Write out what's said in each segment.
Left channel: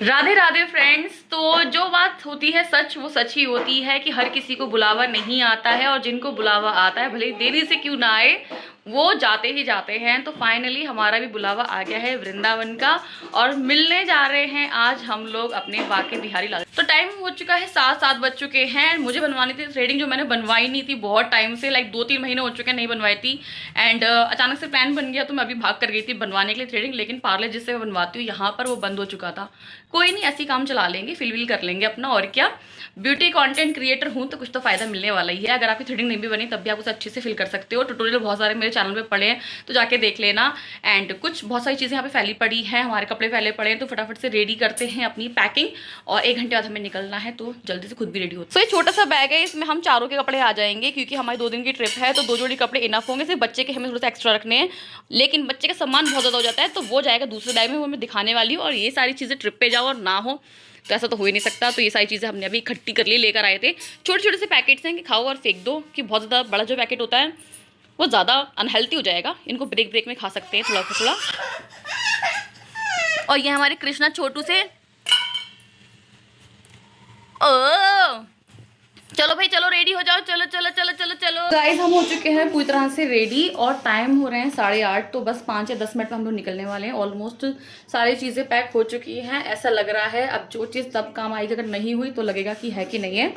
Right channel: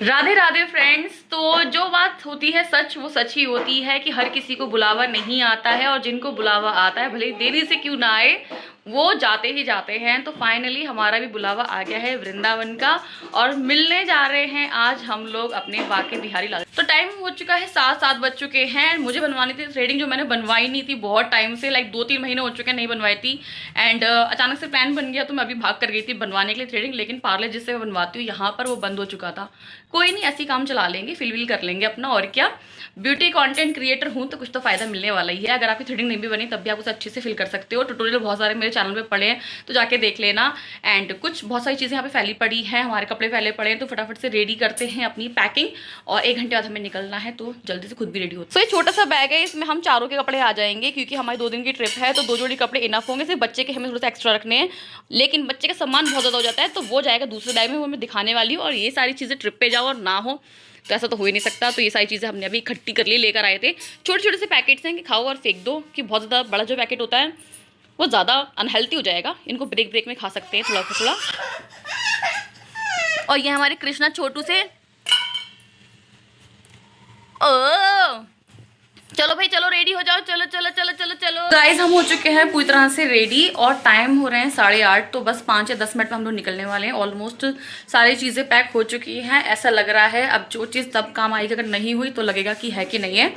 Radhe Radhe friends. तो जो बात होती है सच वो सच ही होती है कि हर किसी को बुलावा नहीं आता है, और जिनको बुलावा आता है भले ही देरी से क्यों ना आए वो जाते ही जाते हैं। तो फाइनली हमारा भी बुलावा आ गया है वृंदावन का, और मिलने जा रहे हैं आज हम लोग अपने बाके बिहारी लाल। तो टाइम हो चुका है 7 बज चुके हैं। मुझे बनवानी थी थ्रेडिंग, जो मैंने बनवाई नहीं थी बहुत टाइम से, लाइक 2-3 महीने हो चुके हैं नहीं बनवाई थी। एंड अचानक से प्लान बन गया तो मैं अभी भाग कर गई थी बनवाने के लिए थ्रेडिंग। लेकिन पार्लर जिससे मैं बनवाती हूँ यहाँ पर वो बंद हो चुका था। कोई नहीं, ऐसी काम चला लेंगे, फिल कर लेंगे अपना, और क्या। ब्यूटी कंटेंट क्रिएटर हूँ तो कुछ तो फायदा मिलने वाला ही है। अगर आपकी थ्रेडिंग नहीं भी बनी तब भी आप उसे अच्छे से फिल कर सकते हो। ट्यूटोरियल बहुत सारे मेरे चैनल पे पड़े हैं तो जाके देख लेना। एंड कुछ बहुत सारी चीज़ें यहाँ पे फैली पड़ी हैं, हमारे कपड़े फैले पड़े हैं, तो फटाफट से रेडी करते हैं अपनी पैकिंग। और 1 घंटे बाद हमें निकलना है तो जल्दी से खुद भी रेडी हो। तो ये छोटा सा बैग है, इसमें हम चारों के कपड़े आ जाएंगे क्योंकि हमारी 2 दिन की ट्रिप है, तो 2 जोड़ी कपड़े इनफ होंगे। सिर्फ बच्चे के हमें थोड़ा सा एक्स्ट्रा रखने हैं, लेकिन बच्चे का सामान बहुत ज़्यादा हो जाता है तो वो जाएगा दूसरे बैग में, वो मैं दिखाने वाली हूँ। और ये सारी चीज़ें ट्रिप पे जाओ और ना हो तो ऐसा तो हो ही नहीं सकता। तो ये सारी चीज़ें हमने अभी इकट्ठी कर ली, लेकर आए थे। छोटे छोटे से पैकेट्स हैं कि खाओ और फेंक दो, कि बहुत ज़्यादा बड़ा जो पैकेट होता है वो ज़्यादा अनहेल्थी हो जाएगा। इनको ब्रेक ब्रेक में खा सकते हैं थोड़ा थोड़ा। और ये हमारे कृष्णा छोटू से ओ चलो भाई चलो रेडी हो जाओ, चलो चलो चलो चलो चलो। गाइस हम हो चुके हैं पूरी तरह से रेडी और टाइम हो रहे हैं 8:30। तो बस 5 या 10 मिनट में हम लोग निकलने वाले हैं। ऑलमोस्ट सारी चीज़ें पैक हो चुकी हैं ऐसा लग रहा है। अब जो चीज़ तब काम आएगी, अगर नहीं हुई तो लगेगा कि है कि नहीं है।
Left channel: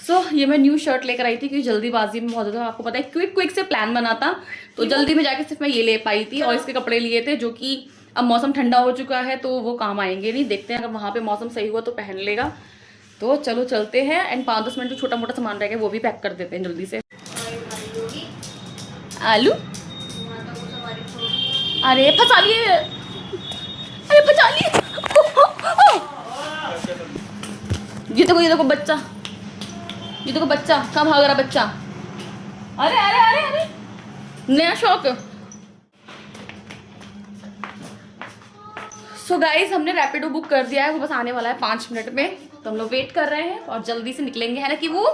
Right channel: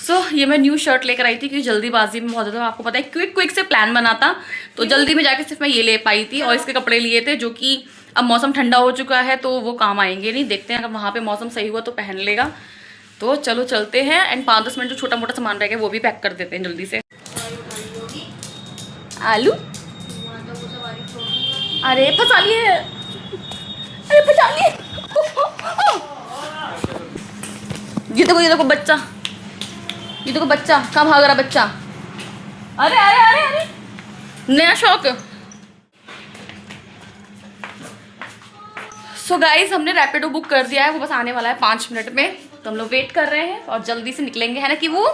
सो ये मैं न्यू शर्ट लेकर आई थी क्योंकि जल्दीबाजी में बहुत ज़्यादा, आपको पता है, क्विक से प्लान बना था तो जल्दी में जाके सिर्फ मैं ये ले पाई थी। और इसके कपड़े लिए थे जो कि अब मौसम ठंडा हो चुका है तो वो काम आएंगे नहीं। देखते हैं अगर वहाँ पे मौसम सही हुआ तो पहन लेगा। तो चलो चलते हैं। एंड 5-10 मिनट जो छोटा मोटा सामान रह गया वो भी पैक कर देते हैं जल्दी से। आलू, अरे फंसा लिए, अरे फंसा लिए। ये देखो बच्चा, ये देखो बच्चा कहाँ भाग रहा बच्चा। अरे अरे अरे अरे नया शौक। सो गाइज हमने रैपिडो बुक कर दिया है, वो बस आने वाला है 5 मिनट में। तो हम लोग वेट कर रहे हैं और जल्दी से निकलेंगे, है ना कि वो।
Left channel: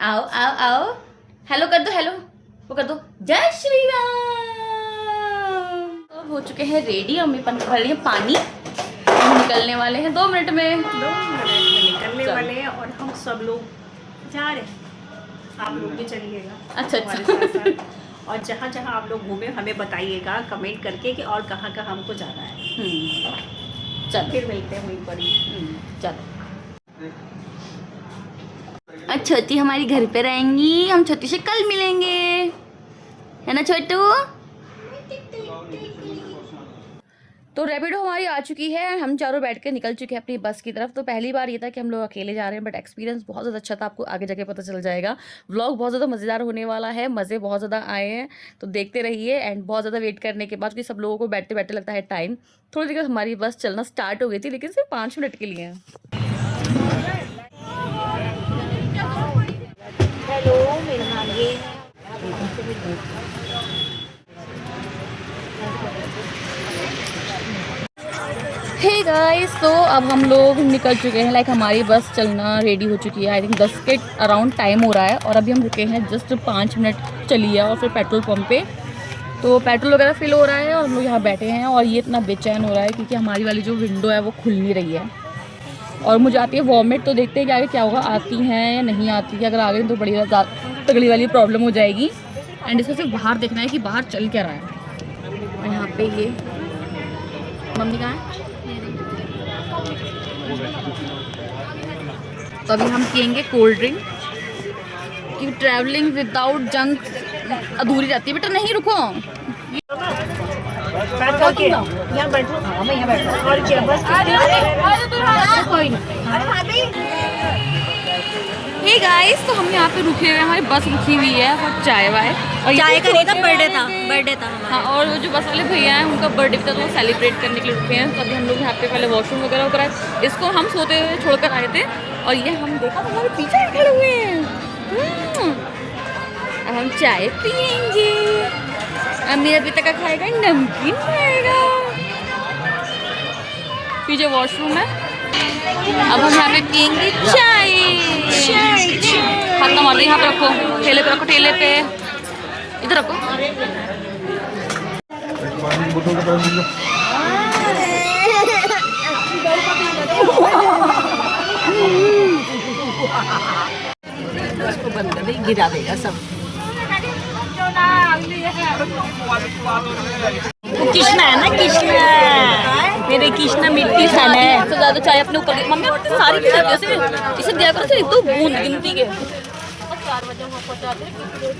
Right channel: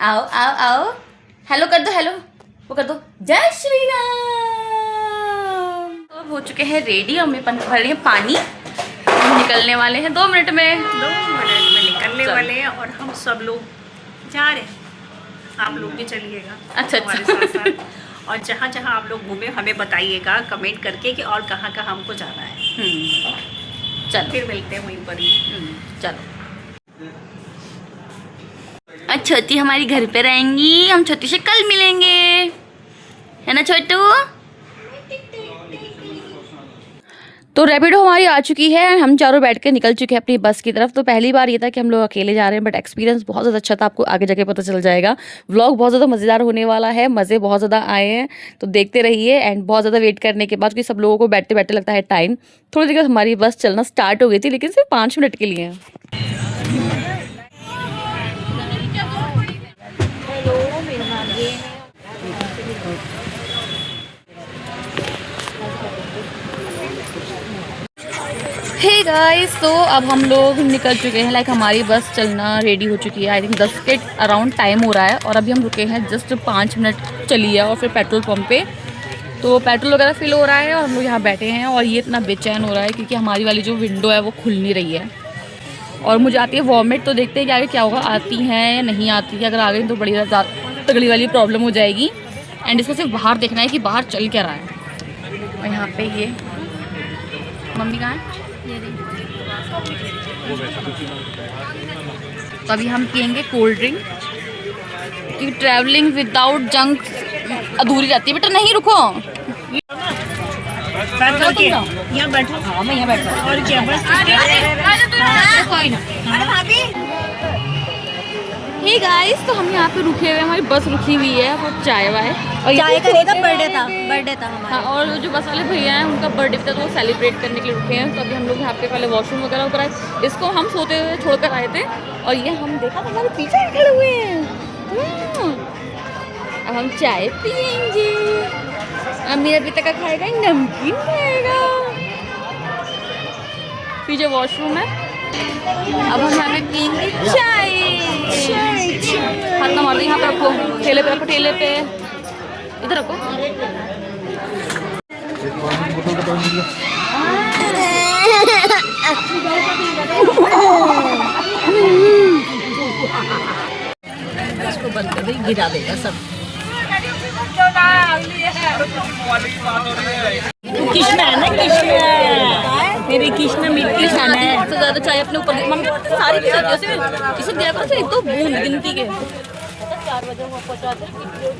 आओ आओ आओ, हेलो कर दो, हेलो वो कर दो, जय श्री राम। तो हो चुके हैं रेडी, हमें भर रही है पानी। हम निकलने वाले हैं 2 मिनट में, 2 मिनट में निकलने वाले हैं। और हम सब लोग जा रहे हैं, आप लोग भी चलिएगा अच्छा हमारे साथ साथ। और जहाँ जहाँ आप लोग घूमे हमें बताइएगा कमेंट करके कि और कहाँ कहाँ हमको जाना है। चलो फिर मिलते हैं वहीं पर ही। चलो। अच्छा छोटी हमारी घर पे रहेंगी, हम छोटी से कल मिलेंगे, है ना छोटू। तो रैपिडो हमारी आ चुकी है, हम चारों बैठ के निकल चुके हैं अपनी बस की तरफ। तो पहली बार ये था कि हम लोग अकेले जा रहे हैं, बट एक्सपीरियंस बहुत ज़्यादा अच्छा था। आपको आगे जाके पता चल जाएगा। व्लॉग बहुत ज़्यादा मज़ेदार होने वाला है, मज़े बहुत ज़्यादा आए हैं तो देखते रहिए। एंड बहुत ज़्यादा वेट करने के बाद, क्योंकि सब लोगों को बैठते बैठते लगता है टाइम, थोड़ी देर हमारी बस चलना स्टार्ट हो गई थी, लेकिन सिर्फ 5 मिनट के लिए। हे गाइस, तो अब हम लोग निकल चुके हैं। लाइक हमारी बस चलना रेडी हो चुकी है। आई थिंक 10 के अराउंड टाइम हो रहा है और अभी हम रुके हैं जस्ट 5 मिनट चली है। और फिर पेट्रोल पंप पे तो पेट्रोल वगैरह फिल हो रहा है और हम लोग यहाँ बैठे हैं। और ये इतना बेचैन हो रहा है क्योंकि हमारी वाली जो विंडो है वो खुल नहीं रही है और मुझे आती है वॉमिट। तो देखते हैं कि आगे क्या होगा, आती हैं या नहीं आती है। अगर आ गई तो बड़ी तगड़ी वाली प्रॉब्लम हो जाएगी। एंड इसको सिर्फ बाहर देखना है कि बाहर चल क्या रहा है। और यहाँ पे ये मम्मी कहाँ है, तो अभी हम पियेंगे कोल्ड ड्रिंक क्योंकि ट्रैवलिंग विदाउट जंक अधूरी रहती है। बेटा नहीं रुको, यहाँ बैठो। हाँ मैं यहाँ बैठो। और क्या बस कोई ना। हे गाइस, तो हम यहाँ पे रुके हुए, हमारी बस रुकी हुई है और चाय वाय और चाय का बर्थडे था हमारा। हाँ, और जो बस वाले भैया हैं उनका बर्थडे था तो वो सेलिब्रेट करने के लिए रुके हैं। तो अभी हम लोग यहाँ पे पहले वॉशरूम वगैरह कराए, इसको हम सोते हुए छोड़कर आए थे और ये हम देखा तो हमारे पीछे खड़े हुए हैं। अब हम चाय पियेंगे, अब मेरा पिता का खाएगा नमकीन खाएगा। पीछे वॉशरूम है, अब हम यहाँ पे पियेंगे चाय। हाथ ना मार दे, यहाँ पे रखो, ठेले पे रखो, ठेले पे इधर रखो। उसको बंद कर दे, गिरा देगा सब। कृष्णा है ना, कृष्णा मेरे कृष्णा मिट्टी खाना है। सबसे ज्यादा चाय अपने ऊपर मम्मी सारी पी जाती है इसे दिया करो सिर्फ 1-2 बूंद गिनती के।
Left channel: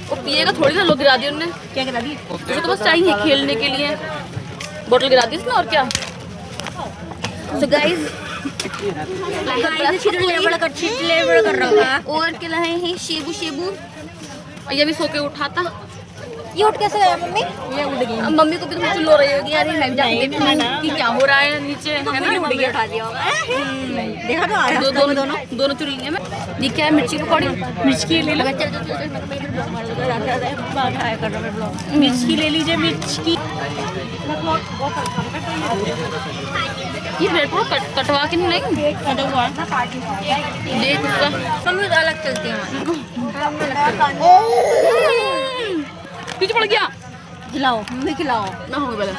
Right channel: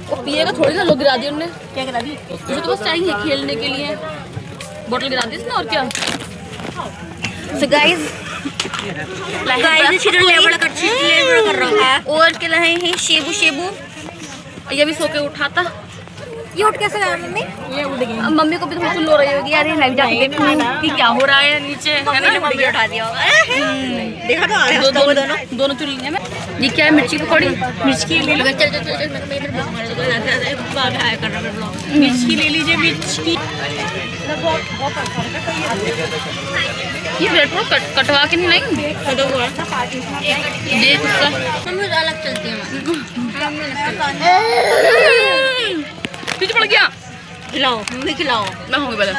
वो पिएगा थोड़ी ना, लोग गिरा दिए उन्होंने। क्या गिरा दी? इसे तो बस चाहिए खेलने के लिए, बोतल गिरा दी इसने और क्या। So guys, और क्या लाए हैं? शेबू शेबू। ये भी सो के उठाता। ये उठ कैसे गया मम्मी? ये उड़ गई। अब मम्मी को भी तो चुल हो रही होगी यार, ये मैं भी जाके देखूं कि क्या हो रहा है नीचे, है ना। उठा दिया होगा। देखा तो आ रहा है दोनों चुल लिए मैं। ये क्या है? मिर्ची पकौड़ी। मिर्ची ले लो, मिर्ची ले लीजिए, मिर्ची। ये ब्रेड को कटवा के नहीं ये कुत्ता मम्मी तो अलग चलती है पीछे पड़ गया। खिलाओ मम्मी खिलाओ। मैं होंगी पहले।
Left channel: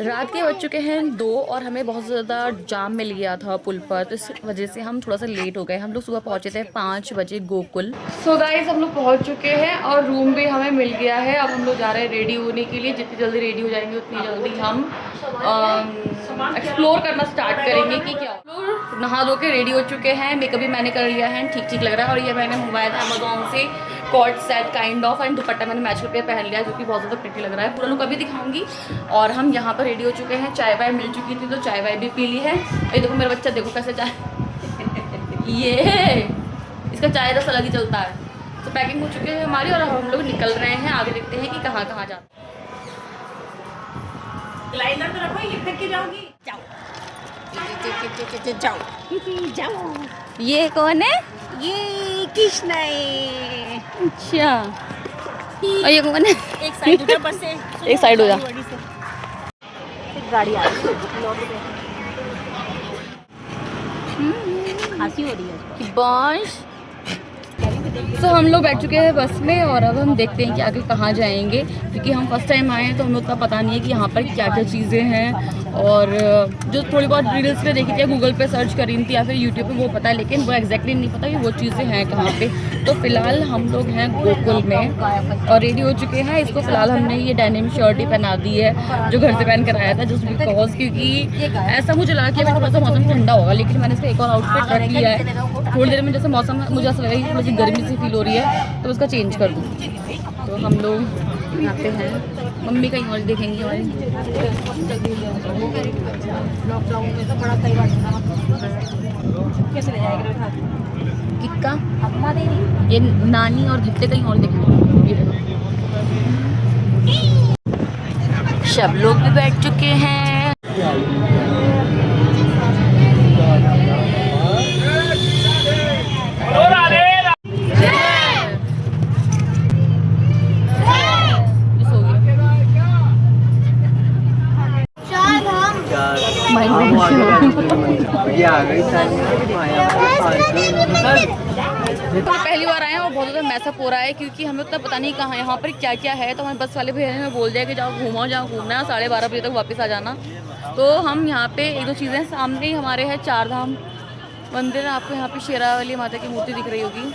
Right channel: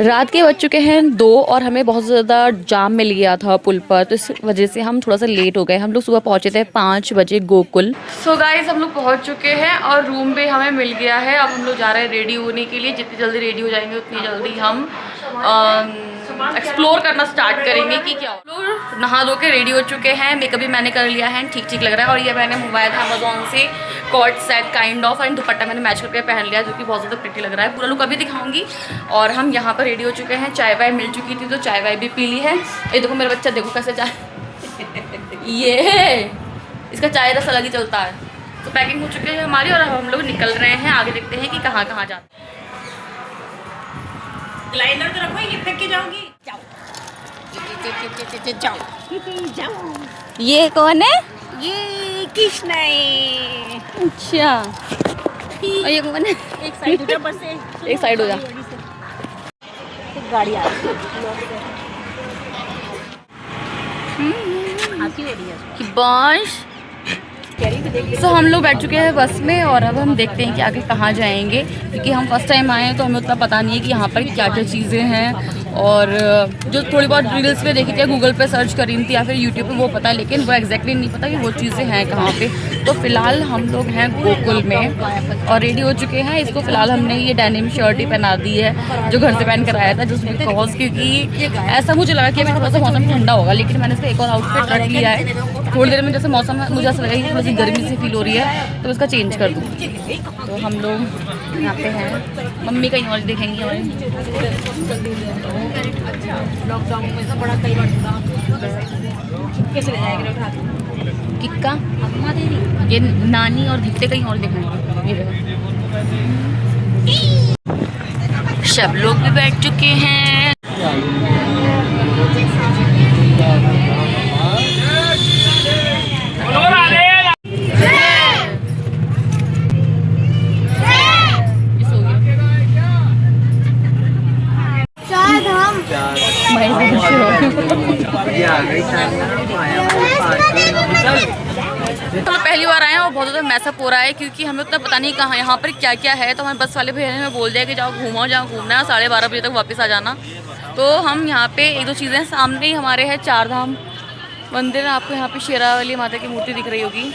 रात के बज चुके हैं 2 और हमें बहुत ज़्यादा जाम मिल गया था पुल पर, तो इस वजह से हम थोड़ा सा लेट हो गए। हम लोग सुबह पहुँचे थे 5 बजे गोकुल। सो गाइस हम लोग पहुँच चुके हैं और रूम भी हमें मिल गया है। अब हम लोग जा रहे हैं रेडी होने के लिए। जितनी जल्दी रेडी हो जाएंगे उतनी जल्दी हम एक्सप्लोर करना स्टार्ट करेंगे कि क्या। लोग नहा धो के रेडी हो चुके हैं, मेकअप भी मैंने कर लिया है, ठीक ठीक लग रहा है। और ये मैंने मोबाइल अमेजोन से coord set kind of and dupatta मैंने मैच करके पहन लिया, जो कि बहुत ज़्यादा प्रिटी लग रहा है। पूरा लुक अभी दिखाऊंगी। और हम यहाँ पर रेडी हो चुके हैं, चाय वाय मिल चुकी थी तो चाय वाय भी पी ली है। ये देखो मेरा बच्चा, देखो कैसे चाय ये इसका चाय रस अलग ही चलता है। तो पैकिंग हो चुकी है हमारी और हम लोग निकल रहे हैं। आगे देखते हैं कि कहाँ कहाँ जाते हैं। लाइनर तो रखो, ये फेंक के जाओगी। जाओ जाओ जाओ। ये कौन है? ये कृष्णा है। अच्छा, और ये कौन है? एक साइड हो जा बस से। एक साइड हो जा। गाड़ी आ रही है, हंसी हो रही है कि बस तो हम लोग बैठ चुके हैं बस में और अब हम देखते हैं कि आगे कहाँ जाएंगे, क्योंकि हम फर्स्ट टाइम आए हैं तो हमें उतना पता नहीं है कि यहाँ पर क्या क्या चीज़ें हैं। और जो थोड़ी बहुत रील्स पे देखी थी, गूगल पे सर्च करी थी या फिर यूट्यूब पे, वो पता है, लेकिन वो एग्जैक्टली नहीं पता कि वो चीज़ें हैं कहाँ पे। तो फिलहाल हम लोग हैं गोकुल में और रेडी हो चुके हैं। इसको फिलहाल हमने ये डेनिम शर्ट ही पहना दी है जो घर से पहन कर आया था, जस्ट बिकॉज क्योंकि ऐसा मुझे लगा कि अभी थोड़ा सा मौसम ठंडा होगा, लेकिन मैंने इसका एक और आउटफिट रख लिया है। थोड़ी देर में जैसे मौसम है, मुझे ऐसा लगा कि थोड़ी सी गर्मी सी फील हो रही है तो उसका चेंज कर दूँ। तो हम लोग यहाँ पे हैं, मम्मी कहीं और देखेंगे। लॉकडाउन में तो बड़ा कई बार कैसे ले जाएंगे उठा के? किक्का अम्मा दे रही, ये नानी और धिक्ते कहीं और देखेंगे। सब लोग भी बैठ चुके हैं। तो पहली बार आए हैं और बहुत ज़्यादा मैसअप हो रहा है, क्योंकि हमें उतना पता नहीं कहाँ यहाँ पर क्या क्या है। तो हमारे बस वाले भैया ने हमें बोल दिया कि जाओ घूमो, जहाँ घूमना है 12:30 बजे तक वापस आ जाना। तो हम यहाँ पे 1-2 चीज़ें सामने ही हमारे है 4 धाम मंदिर। आपको यहाँ पे शेरावाली माता की मूर्ति दिख रही होगी,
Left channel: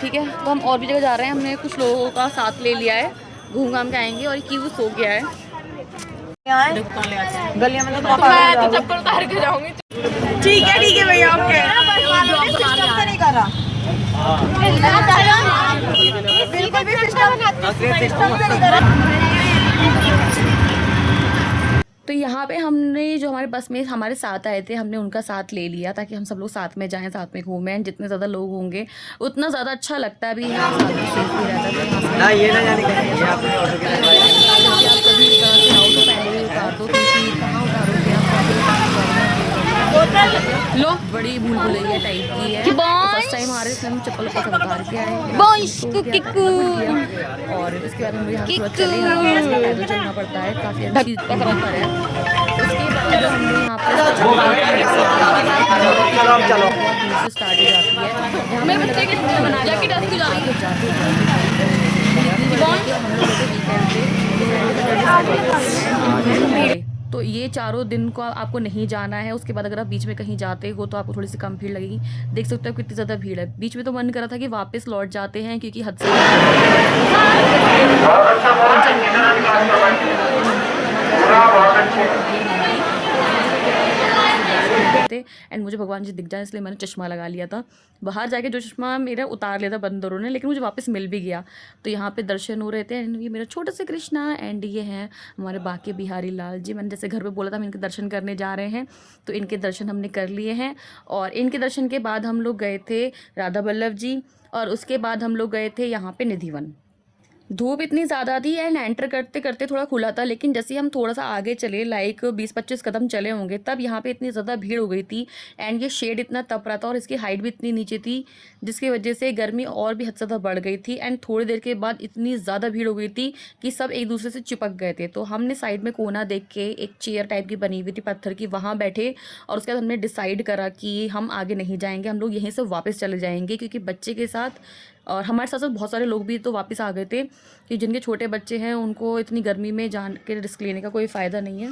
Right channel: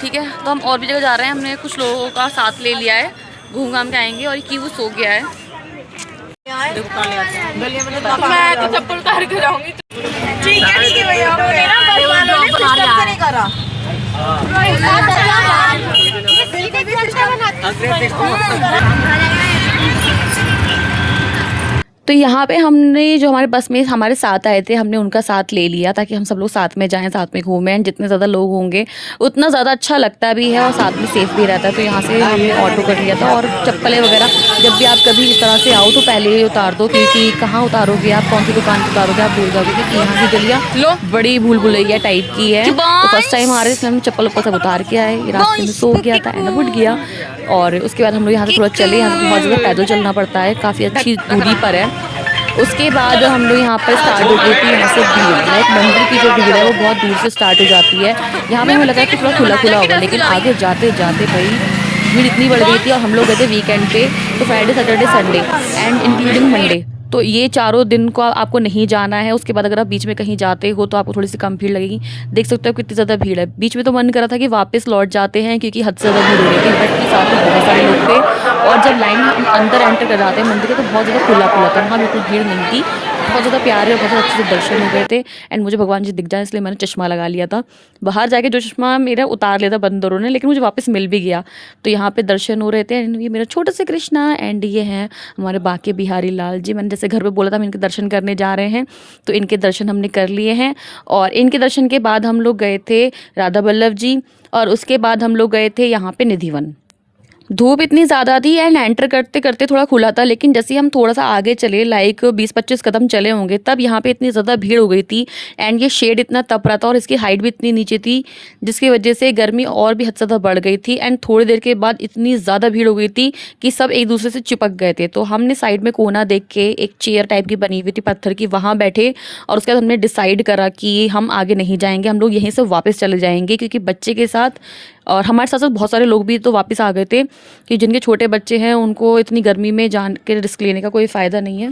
ठीक है। तो हम और भी जगह जा रहे हैं, हमने कुछ लोगों का साथ ले लिया है, घूम घाम के आएंगे। और कि वो सो गया है गलियां में तो मैं तो चप्पल उतार कर जाऊंगी। ठीक है भैया, नहीं कर रहा। बिल्कुल भी तो यहाँ पे हमने जो हमारे बस में हमारे साथ आए थे, हमने उनका साथ ले लिया ताकि हम सब लोग साथ में जाएं, साथ में घूमें। जितने ज़्यादा लोग होंगे उतना ज़्यादा अच्छा लगता भी है और साथ में सेफ भी रहता है। तो यहाँ से ऑर्डर कर लिया था। और चप्पलें वगैरह जब भी आप कभी इस तरह से आओ तो पहले ही उतार दो, क्योंकि कहाँ उतारोगे आप, कौन सी दुकान उतारोगे आप भूल जाओगे। गलियाँ लो बड़ी भूल भुलैया टाइप की है। तो फर्स्ट टाइम आ रहे इसलिए हम चप्पल ऊपर सब उतार के आए। रास्ते में सो गया था, एंड उठ गया। और उसके बाद हम लोग यहाँ से थोड़ा चले, यहाँ से बहुत ज़्यादा पैदल चलना पड़ता है, काफ़ी अच्छी दूरी पर है। उसके बाद हम लोग यहाँ पर स्टार्ट हो गई थी यहाँ से भीड़, लाइक मंदिर की जो भीड़ है वो बहुत दूर से स्टार्ट हो जाती है। यहाँ पे हमें लगा कि थोड़ा खुला खुला होगा, लेकिन आगे जाते जाते भाई भीड़ इतनी बढ़ गई थी। और हम लोग गए थे वीकेंड पे, तो Friday Saturday Sunday and including Monday, तो ये चारों दिन को आपको नहीं जाना है। उसके बाद अगर आप बीच में कहीं जाते हो तो आपको थोड़ी सी कम भीड़ लगेगी। देख सकते हो कितनी ज़्यादा भीड़ है। बीच में तो मन करा था कि वापस लौट जाते हैं क्योंकि हद से ज़्यादा भीड़ हो रही थी, बहुत सारे लोग थे। और जब लाइन अंदर एंटर कर जाते हैं मंदिर के तो बहुत ज़्यादा खुला खुला था, वहाँ बिल्कुल भीड़ नहीं थी। बहुत ज़्यादा प्यारे, बहुत अच्छे से दर्शन हो गए थे। एंड मुझे भगवान जी दिख जाए इसलिए मैंने चश्मा लगा लिया था। बाहर जाके जो चश्मा मेरा उतार लिया था बंदरों ने, लेकिन मुझे वापस मिल भी गया। तो यहाँ पे दर्शन हो रहे थे। एंड ये मेरा छोटा सा कृष्णा एंड ये हैं हमारे बाके बिहारी लाल जी। मैंने जैसे घर पे बोला था हम इनके दर्शन करने जा रहे हैं, तो इनके दर्शन हमने कर लिए हैं। और इनके दर्शन के बाद हम लोग गए थे राधा बल्लभ जी, और उसके बाद हम लोग गए थे यहाँ पे निधिवन। धूप इतनी ज़्यादा थी एंड एंटर करते करते थोड़ा खुला था, लेकिन जैसे ही हम थोड़ा सा आगे चले, लाइक 20-25 कदम चले होंगे, तब यहाँ पे इतनी ज़्यादा भीड़ हो गई थी। एंड ये शेड इतना तप रहा था और इसकी हाइट भी इतनी नीचे थी, जिसकी वजह से गर्मी और भी हद से ज़्यादा बढ़ गई थी। एंड थोड़ी देर के बाद इतनी ज़्यादा भीड़ हो गई थी कि सब एक दूसरे से चिपक गए थे। तो हमने साइड में कोना देख के, एक चेयर टाइप की बनी हुई थी पत्थर की, वहाँ बैठे। और उसके बाद हमने डिसाइड करा कि हम आगे नहीं जाएंगे, हम लोग यहीं से वापस चले जाएंगे, क्योंकि बच्चे के साथ और हमारे साथ साथ बहुत सारे लोग भी तो वापस आ गए थे कि जिनके छोटे बच्चे हैं उनको इतनी गर्मी में जान के रिस्क लेने का कोई फ़ायदा नहीं है।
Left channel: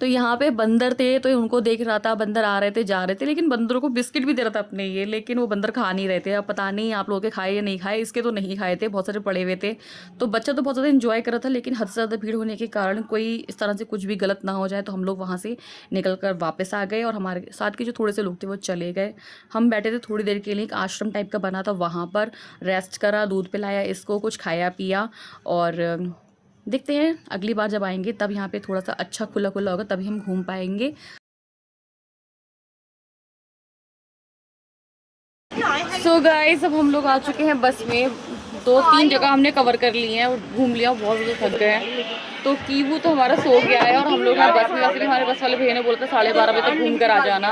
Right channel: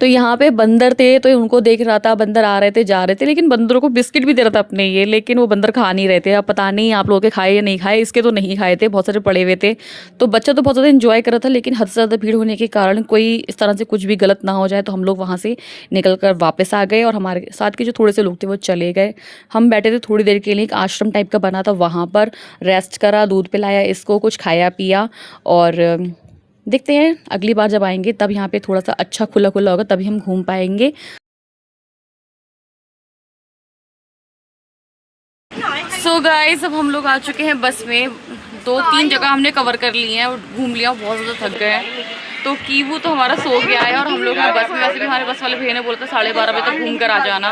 तो यहाँ पे बंदर थे, तो उनको देख रहा था, बंदर आ रहे थे जा रहे थे, लेकिन बंदरों को बिस्किट भी दे रहा था अपने ये, लेकिन वो बंदर खा नहीं रहे थे। अब पता नहीं आप लोगों के खाए या नहीं खाए, इसके तो नहीं खाए थे, बहुत सारे पड़े हुए थे। तो बच्चा तो बहुत ज़्यादा इन्जॉय कर रहा था, लेकिन हद से ज़्यादा भीड़ होने के कारण कोई इस तरह से कुछ भी गलत ना हो जाए, तो हम लोग वहाँ से निकल कर वापस आ गए। और हमारे साथ के जो थोड़े से लोग थे वो चले गए। हम बैठे थे थोड़ी देर के लिए, एक आश्रम टाइप का बना था, वहाँ पर रेस्ट करा, दूध पिलाया इसको, कुछ खाया पिया। और देखते हैं अगली बार जब आएंगे तब यहाँ पे थोड़ा सा अच्छा खुला खुला होगा, तभी हम घूम पाएंगे। सो गाइस, अब हम लोग आ चुके हैं बस में। 2-3 जगह हमने कवर कर ली हैं और घूम लिया, बहुत ज़्यादा थक गए हैं। तो कीवू तो हमारा सो गया है और हम लोग हैं बस में। वैसे भी हमारे बस वाले भैया ने बोला था 12:30 बजे तक घूम कर आ जाना,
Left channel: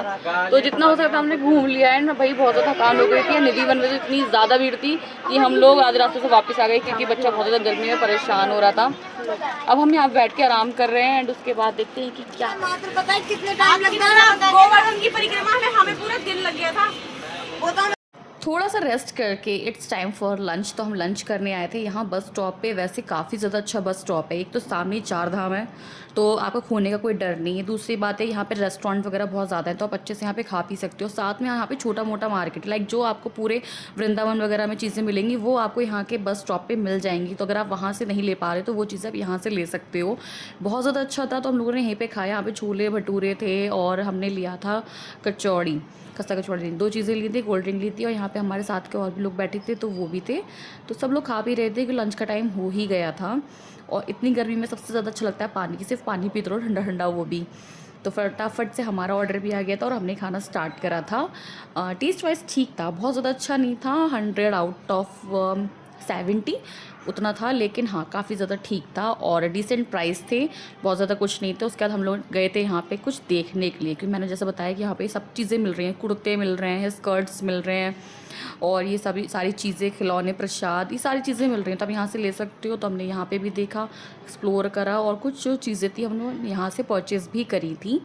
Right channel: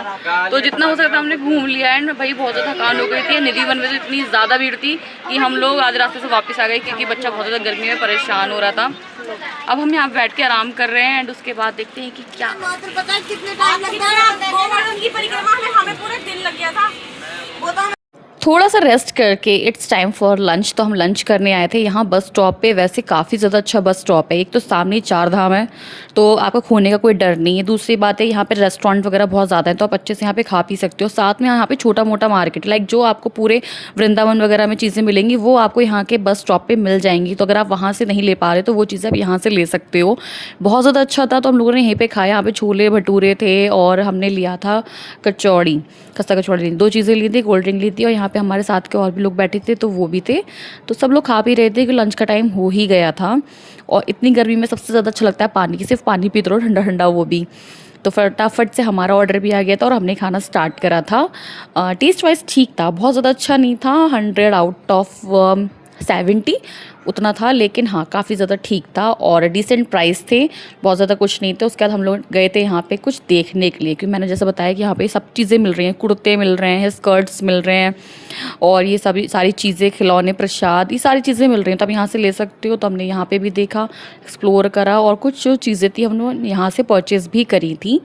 तो जितना हो सकता हमने घूम लिया है। भाई बहुत ज़्यादा थकान हो गई थी। निधिवन में तो इतनी ज़्यादा भीड़ थी कि हम लोग आधे रास्ते से वापस आ गए, क्योंकि बच्चा बहुत ज़्यादा गर्मी में परेशान हो रहा था। अब हम यहाँ बैठ के आराम कर रहे हैं एंड उसके बाद देखते हैं कि क्या कितने टाइम लगता है। गोवर्धन की परिक्रमा में हमें पूरा दिन लग गया था। थोड़ा सा रेस्ट करके इट्स टाइम फॉर लंच। तो हम लंच करने आए थे यहाँ बस स्टॉप पे। वैसे काफ़ी ज़्यादा अच्छा बस स्टॉप है। एक तो सामने 4 धाम है, तो आपको खोने का कोई डर नहीं है। दूसरी बात है यहाँ पे रेस्टोरेंट वगैरह बहुत ज़्यादा है, तो आप अच्छे से यहाँ पे खा पी सकते हो। साथ में यहाँ पे छोटा मोटा मार्केट, लाइक जो आपको पूरे वृंदावन वगैरह में चीज़ें मिलेंगी वो आपको यहाँ के बस स्टॉप पे मिल जाएंगी। तो अगर आप वहाँ से नहीं ले पा रहे तो वो चीज़ें आप यहाँ से ले सकते हो। बहुत ज़्यादा अच्छा था। तो हम लोगों ने यहीं पर खाया। यहाँ पे छोले भटूरे थे और हमने लिया था कचौड़ी, खस्ता कचौड़ी। 2 चीज़ें ली थी, कोल्ड ड्रिंक ली थी, और यहाँ पे हमारे साथ के और भी लोग बैठे थे तो वो भी थे। तो सब लोग खा पी रहे थे कि लंच का टाइम हो ही गया था। और इतनी गर्मी में सबसे ज़्यादा अच्छा लगता है पानी, की सिर्फ पानी पीते रहो, ठंडा ठंडा वो भी। तो फटाफट से हमारा ऑर्डर भी आ गया था और हमने खाना स्टार्ट करा था। टेस्ट वाइज ठीक था, बहुत ज़्यादा अच्छा नहीं था। 100 आउट ऑफ 70 उतना था, लेकिन हाँ काफ़ी ज़्यादा ठीक था और डिसेंट प्राइस थे, बहुत ज़्यादा कुछ नहीं थे। उसके बाद हम लोग गए थे यहाँ पे कुछ देखने के लिए, क्योंकि मैंने जैसा बताया कि यहाँ पे सब चीज़ें मिल रही हैं, कुर्ते मिल रहे हैं, स्कर्ट्स मिल रहे हैं, और ये सभी सारी चीज़ें, खिलौने, प्रसाद, ये सारी चीज़ें मिल रही हैं, तो आप यहाँ से ले सकते हो। तो हमने यहाँ पे भी देखा, एक्सप्लोर करा, और कुछ जो चीज़ें थी हम लोग यहाँ से परचेज़ भी करी थी।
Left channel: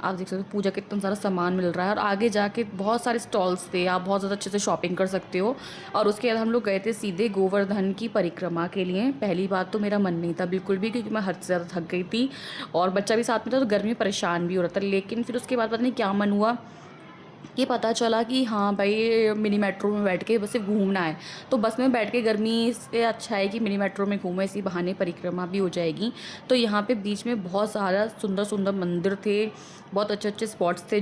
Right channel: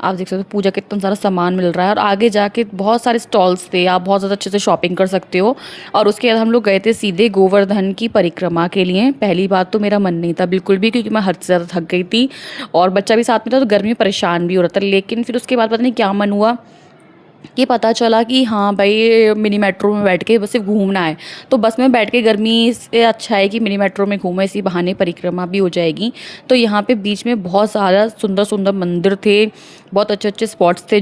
आप देख सकते हो पूजा कितना सारा सामान मिल रहा है, और आगे जाके बहुत सारे स्टॉल्स थे, आप बहुत ज़्यादा अच्छे से शॉपिंग कर सकते हो। और उसके बाद हम लोग गए थे सीधे गोवर्धन की परिक्रमा के लिए। पहली बात तो मेरा मन नहीं था बिल्कुल भी, क्योंकि मैं हद से ज़्यादा थक गई थी और बच्चा भी साथ में था, तो गर्मी में परेशान भी हो रहा था। लेकिन फिर उसके बाद पता नहीं क्या मन हुआ कि पता चला कि हाँ भाई मिनी मेट्रो में बैठ के बस सिर्फ घूमना है। तो बस में बैठ के गर्मी से अच्छा है कि मिनी मेट्रो में घूमें, इसी बहाने परिक्रमा भी हो जाएगी। तो यहाँ पे बीच में बहुत सारा सुंदर सुंदर मंदिर थे, बहुत अच्छे अच्छे स्पॉट्स थे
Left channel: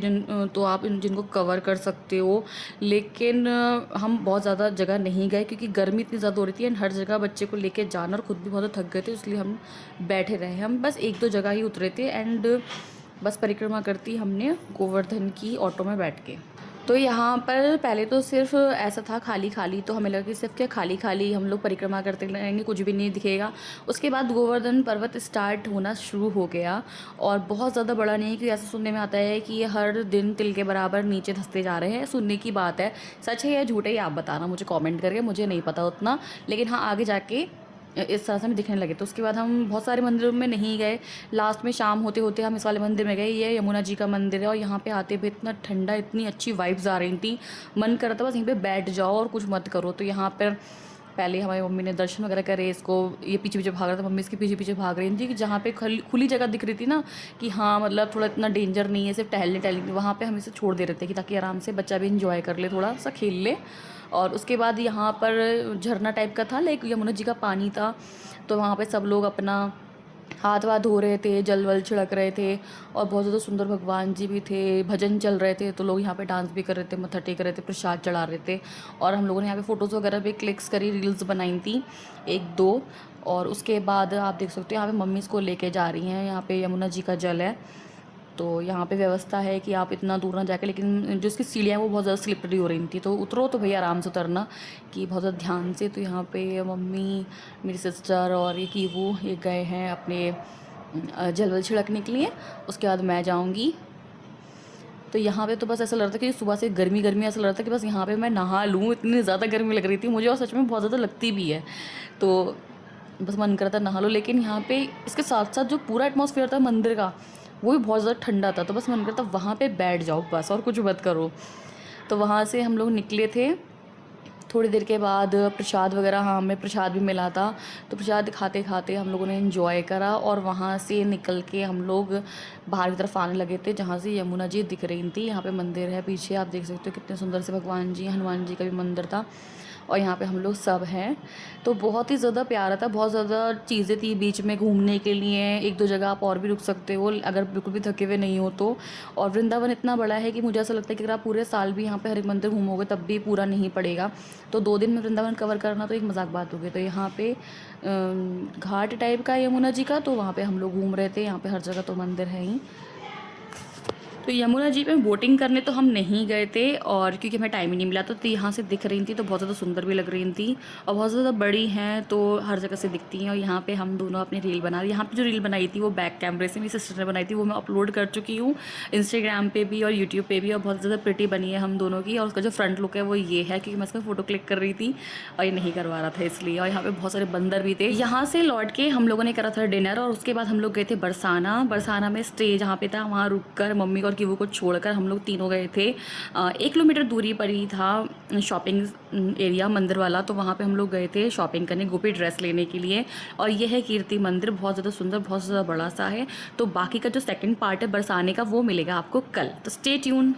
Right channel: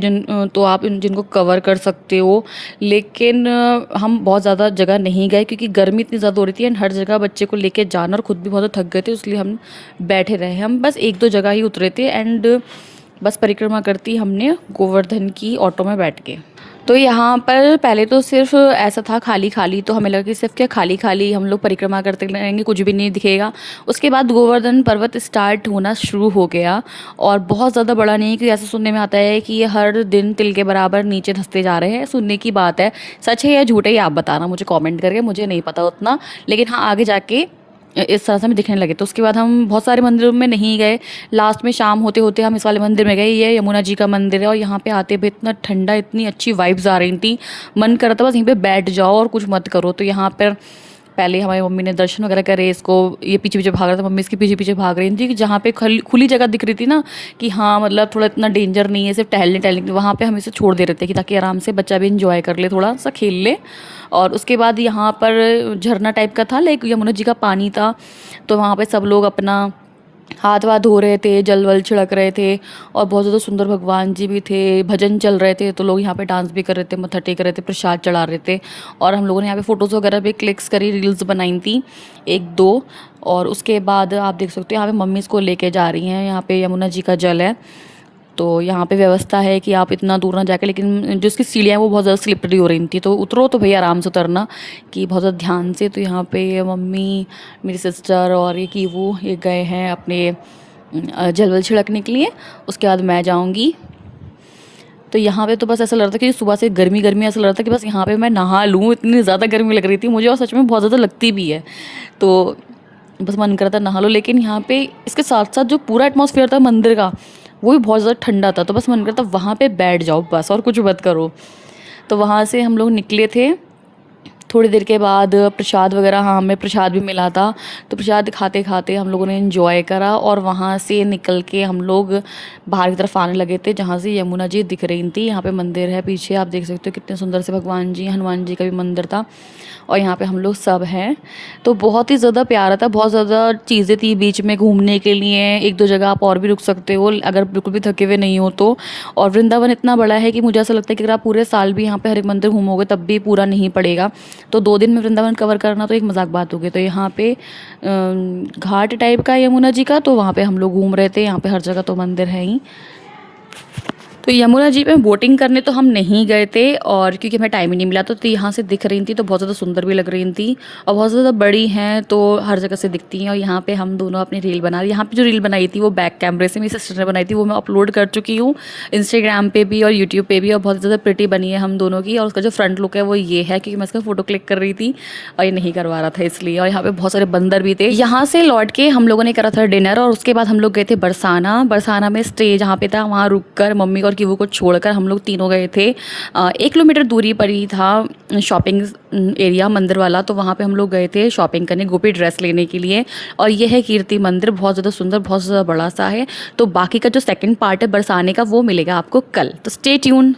तो आप जिनको कवर कर सकते हो। लेकिन हम बहुत ज़्यादा जगह नहीं गए क्योंकि गर्मी इतनी ज़्यादा हो रही थी एंड हर जगह बच्चे को लेके जाना, और ख़ुद भी बहुत थक गए थे, इसलिए हम बैठे रहे। हम बस 1-2 जगह ही उतरे थे एंड बस परिक्रमा करती हमने गोवर्धन की ऑटो में बैठ के। तो यहाँ पर पहले तो सिर्फ ऐसा था खाली खाली, तो हमें लगा कि सिर्फ क्या खाली खाली हम लोग परिक्रमा करते रहेंगे, कुछ भी नहीं दिखेगा। उसके बाद गोवर्धन पर्वत स्टार्ट होना शुरू हो गया, और बहुत ज़्यादा बड़ा नहीं, कि ऐसा सुनने में आता है कि ये हर दिन तिल के बराबर नीचे धंसते जा रहे हैं। सुनने की बात है, सच है या झूठ है ये आप बताना मुझे कमेंट करके, मुझे नहीं पता उतना। लेकिन हाँ आगे जाके इस तरह से हमें दिखने लगे। तो उसके बाद हम बहुत सारे मंदिरों में नहीं गए, लास्ट में शाम होते होते हम इस वाले मंदिर में गए। ये यमुना जी का मंदिर है और यहाँ पे आते हुए इतना ठंडा, इतनी अच्छी वाइब्स आ रही थी, मन कर रहा था बस यहीं पे बैठ जाओ और कुछ मत करो। तो यहाँ पर पहले हमारी मम्मी ने दर्शन वगैरह करे, इसको ये पीछे पीछे भाग रहा था, मम्मी इसके पीछे पीछे भाग रही थी कि जहाँ पे खुली जगह दिख रही थी ना कि हाँ मतलब थोड़ा इतना डेंजर नहीं है, सिर्फ टहलने वहाँ पे हम इसे छोड़ दे रहे थे कि ताकि आराम से बच्चा भी इंजॉय कर ले, थोड़ा सा खेल ले। और उसके बाद यहाँ पर झरना टाइप का था, लाइक यमुना जी का पानी था, तो वहाँ पे सब लोग अपना हाथ वाथ धो रहे थे, जल वल छिड़क रहे थे और बहुत ज़्यादा सुंदर भगवान जी भी थे, भजन चल रहे थे, तो लोग यहाँ पे डांस भी कर रहे थे, मत्था टेक रहे थे, प्रसाद चढ़ा रहे थे। और हम लोगों ने यहाँ पे फ़ोटोज़ वगैरह भी क्लिक्स करी, रील्स बनाई थी 1-2। और उसके बाद आप देख सकते हो यहाँ पे मम्मी इसको लेके जा रही हैं, यहाँ पे यमुना जी का जल है, तो यहाँ पे व्यवस्था है कि आप इतना दूर ना जाके, लेकिन जो इसकी सीढ़ियाँ हैं वो बहुत ज़्यादा स्लिपरी हो रही थी, तो उतरो तो भैया आराम से उतरना कि बहुत ज़्यादा ध्यान से। तो यहाँ पे मम्मी, मेरी सिस्टर और ये की वो ये गए हैं अपने जल वल छिड़कने के लिए। उसके बाद मैं जाऊँगी। तो यहाँ पे तो बस ऐसा लग रहा था कि सुबह से गर्मी गर्मी, ऐसा लग रहा था कि बस यहाँ पे मैं नहा लूँ, इतनी ज़्यादा गर्मी लग रही थी मुझे, और सच में बहुत ज़्यादा लगती भी है, तो बस मन कर रहा था नहा लो। लेकिन यहाँ पे इसके साथ साथ जो पूरा एटमॉस्फेयर था मंदिर का वो भी बहुत ज़्यादा ठंडा था, तो बस मन करता वहाँ पे बैठ जाओ बस और कुछ मत करो। तो वहाँ से हम लोग निकले थे। थोड़ी देर के बाद प्रसाद वगैरह, हाँ हमें प्रसाद भी मिला था, तो प्रसाद खाते खाते हम लोगों ने एंजॉय करा। और वहाँ से निकल के हम लोग बाहर की तरफ आने लगे थे, जहाँ से यमुना जी दिख रही थी। यहाँ पे मंदिर है पीछे, आप देख सकते हो कितने सुंदर से भगवान जी, हनुमान जी का भी मंदिर था, और यहाँ पे हम लोग सब हैं। तो बहुत ही ज़्यादा प्यारा था, बहुत ज़्यादा चीज़ें थी बीच में घूमने के लिए, 1-2 जगह आप और भी रुक सकते हो अगर बिल्कुल भी थके हुए नहीं हो तो। और वृंदावन इतना बड़ा है कि मुझे ऐसा लगता है कि अगर आप पूरे साल भी यहाँ पे हर एक मंदिर घूमोगे तब भी पूरा नहीं पड़ेगा। तो 2 दिन में वृंदावन कवर करना तो एक मजाक बात होगी। तो यहाँ पे घाट टाइप का यमुना जी का, तो वहाँ पे हम लोग घूम रहे थे। यहाँ पे हर जगह तो मंदिर है ही। तो यमुना जी पे बोटिंग करने तो हम नहीं गए थे, और क्योंकि हमें टाइम ही नहीं मिला, तो यहाँ से दिख रही थी तो बहुत ज़्यादा सुंदर भी लग रही थी और बहुत ज़्यादा बड़ी हैं, तो हर जगह से दिखती हैं। और यहाँ पे हम दोनों अपनी रील बना रहे। यहाँ पे जो रील बनाई थी वो बैक कैमरे से मेरी सिस्टर ने बनाई थी, वो मैं अपलोड कर चुकी हूँ इंस्टाग्राम पे भी और यूट्यूब पे भी, और बहुत ज़्यादा प्रिटी बनी है हम दोनों की। और उसका जो फ्रंट लुक है वो ये है, क्योंकि मैं इसका फ़ोटो क्लिक कर रही थी और ये नहीं करवा रहा था इसलिए। और यहाँ पे बहुत सारे बंदर भी थे। यहाँ से लौट के हम लोगों ने करा था डिनर, और उसके बाद हम लोग गए थे बरसाना में स्टे जहाँ पे था, वहाँ रुक कर मम्मी और कीवू को छोड़कर हम लोग तीनों गए थे। 1 किलोमीटर दूरी पर ही था शॉपिंग एरिया मंदिर वाला, तो वहाँ पे हम लोग गए थे शॉपिंग करने, गोपी ड्रेस लेने के लिए। और ये है कीर्ति मंदिर, बहुत ज़्यादा सुंदर, बहुत ज़्यादा बड़ा सा है। तो बाकी का जो सेकंड पार्ट है बरसाने का वो मिलेगा आपको कल, तो स्टे ट्यून।